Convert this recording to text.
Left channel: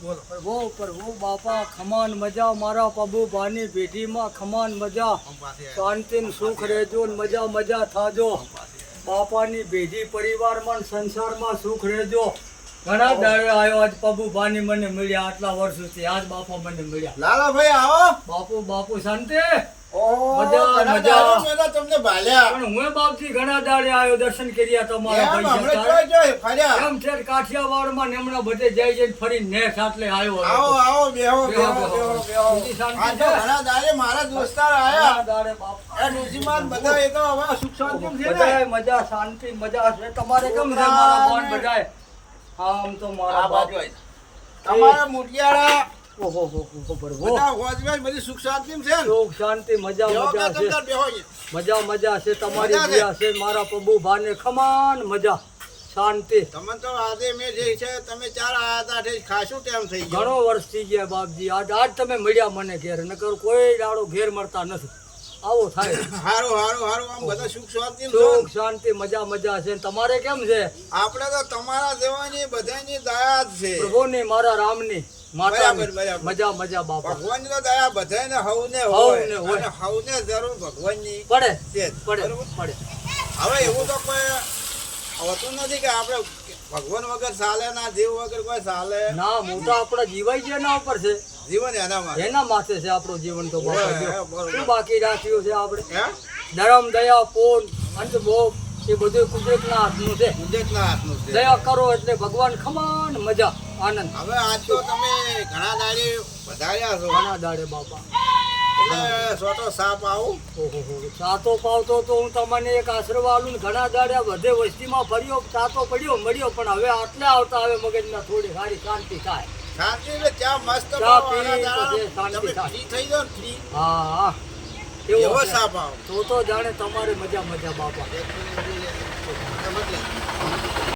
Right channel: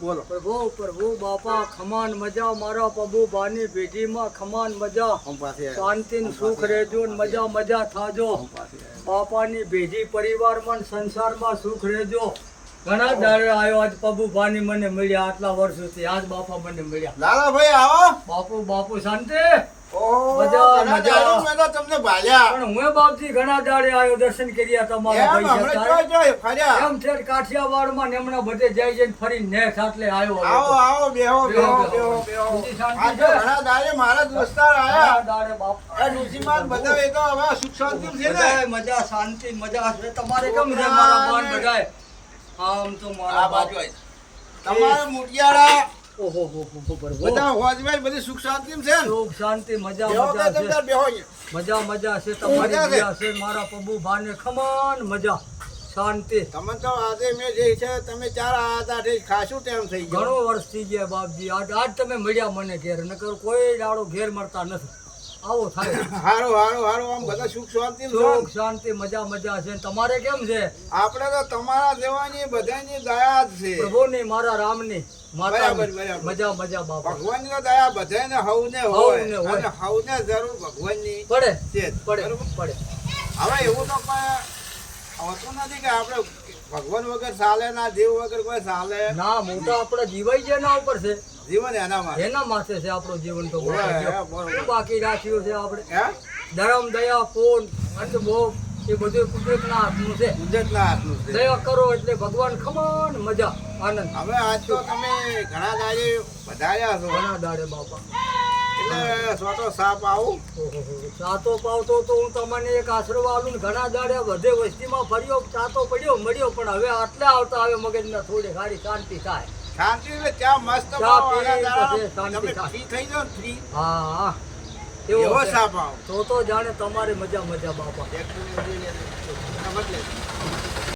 બોલો. પ્રભુ પ્રભુ બાપા ખમાન મજા મારા પ્રભુ ભાની પેઢીમાં ખમાન મજા ઓમ પાસે શાંતિ ને સુખ રહેજો ને મજા મજા થાજો બાપાની પેઢી પરિવારમાં ને સંસારમાં સુખ રહેજો ઘણા દાડે આવ્યો આજ પ્રભુ ભાની મને મળ્યા આટલા વર્ષોથી આજ બાપા મને મળ્યા લાલાભાઈ આવો. બાપુ બાપુ શાંતિ ઓહો, મજા, ઘણા મજા. દાડો મેં તો તમને ભાલ્યા. પણ હું બાપજી ઘણા દાડે આવ્યો દર્શન કર્યા તમારા એમ હમણાં પૈસા જોઈ ફર્યા. એમ છે કાઠિયાવાડમાં ને હમણાં બધે જઈ જઈને ફરી નેઠ આટલે આવ્યો આવો આવો બેહો બેહો બેહો, બેહો બેહો. બીજી શાંતિ આજે છે? ઘણા દાડે મારા દોસ્તાર ઘણા આયા. દાડે બાપ એ ડોશીમાન બધા એ તો હવે સુખ શાંતિ છે ને. બધાય મજા શાંતિ મજા છે તમારે કેમ છે મારા બાન બધાય આમ તો મારા આ બાજુ બાપ આય. તમારા મુટિયાળા ઓહો હો હો પ્રભુ બધા હોજમેર બધી સુખ શાંતિ છે ને. સુખ શાંતિ મજા બેહો કે મજા તમ છે તાર બેહો અહીંયા. મજા મજા છે તમારી મજા છે. દયા છે મારા પ્રભુ ભાને ખમાન મજા શાંતિ તમને તો આજે મેં જે છે તમે ચાર આયા હતા તે ખાસું ટાઈમ થઈ ગયો. ઘણો વર્ષ થઈ ગયા બાપજી આજ તમે મળ્યા મને ઘેર નકર કોઈ દાડો ઘેર મળતા નથી આવો થાય હારું હારું હારું આમ બધા સુખ શાંતિ સુખ શાંતિ મજા મજા છે તમારે કેમ છે આપણે તો તમારા જેવાની બધાની દયા જ છે. પ્રભુની મારા રામની માતાની. બરાબર, બરાબર. મજા મજા બાપા ભગવાનની તો દયા બધાને હવને હવને હોય હોય. અને હવને જરૂર ભગવાનની પડે છે જ. પડે બરોબર? પડે હવે એવું તો કોઈ હોતું નથી કે આપણે ભગવાન વગર ચાલે ના દેવ વગર કોઈ ચાલે. ના મોટા આપણા જીવાઈ ગયા એના ઉપર છે જીવન એના માટે એના માથે છે આપણું જીવન તો બાપા હોય, જો. બરોબર. શું બાકી રાખ્યું છે આપણે એમ ધર્મ દયા પૂન અંત મોહ એ બધું કુદરતના હાથનું છે ગુજરાતના હાથનું છે. દયા કરો એટલે ભગવાન ખમાન મજા આનંદ હવે આજ તો તમે ઘણા દાડે વધાર્યા છો ઘણા દાડે બાપા એટલે સોટો સાપ આવું. ઓહો ચાતો પાવતો તો હું તમને એક આશરો આલું ને ઘણા દાડે બધે વસ્તીમાં ફર્યો ચાતો પડ્યો મળ્યો પણ હવે આટલે આવતા હવે મગજમાં થોડી સારી શાંતિ થાય શાંતિ એટલે ચા મસ્ત ચા પાવ પી આના દાડા પછી શાંતિ તમે થાય. ફ્રી થઈ જાઓ ને ફ્રી હા હા એવો એવો છે. સાપ આવો. તો જાણે તમારે મજા મજા બાપા એક મિનિટ મળી લે. મત લે.